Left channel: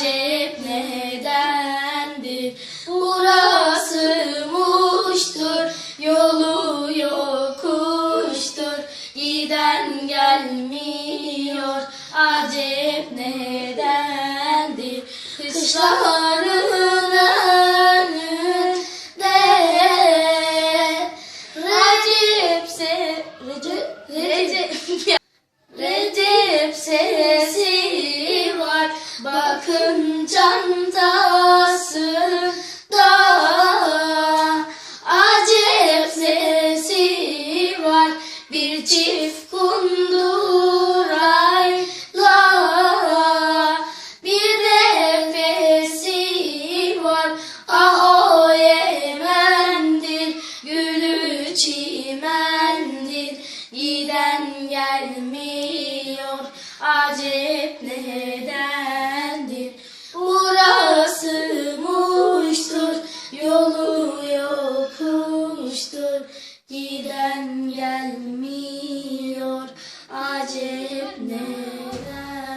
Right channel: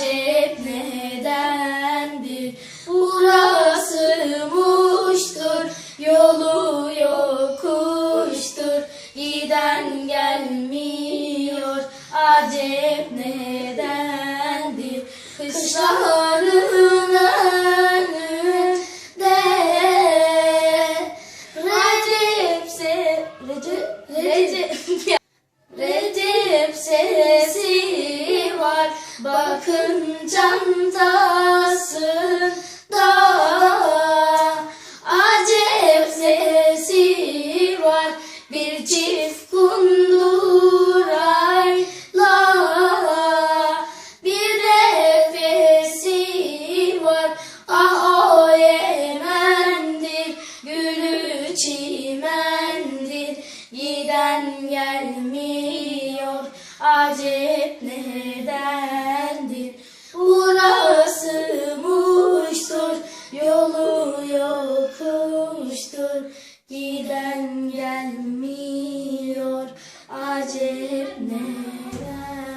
acep nedendir? Burası muştur, yolu yokuştur. Giden gelmiyor, acep nedendir? Kışlaları Bakın candası da Acep sesi var. Bir çift kundurayla Bir nefesi var. Ah o Yemen'dir Gülü çimendir. Giden gelmiyor acep ne Gelmiyor acep neden?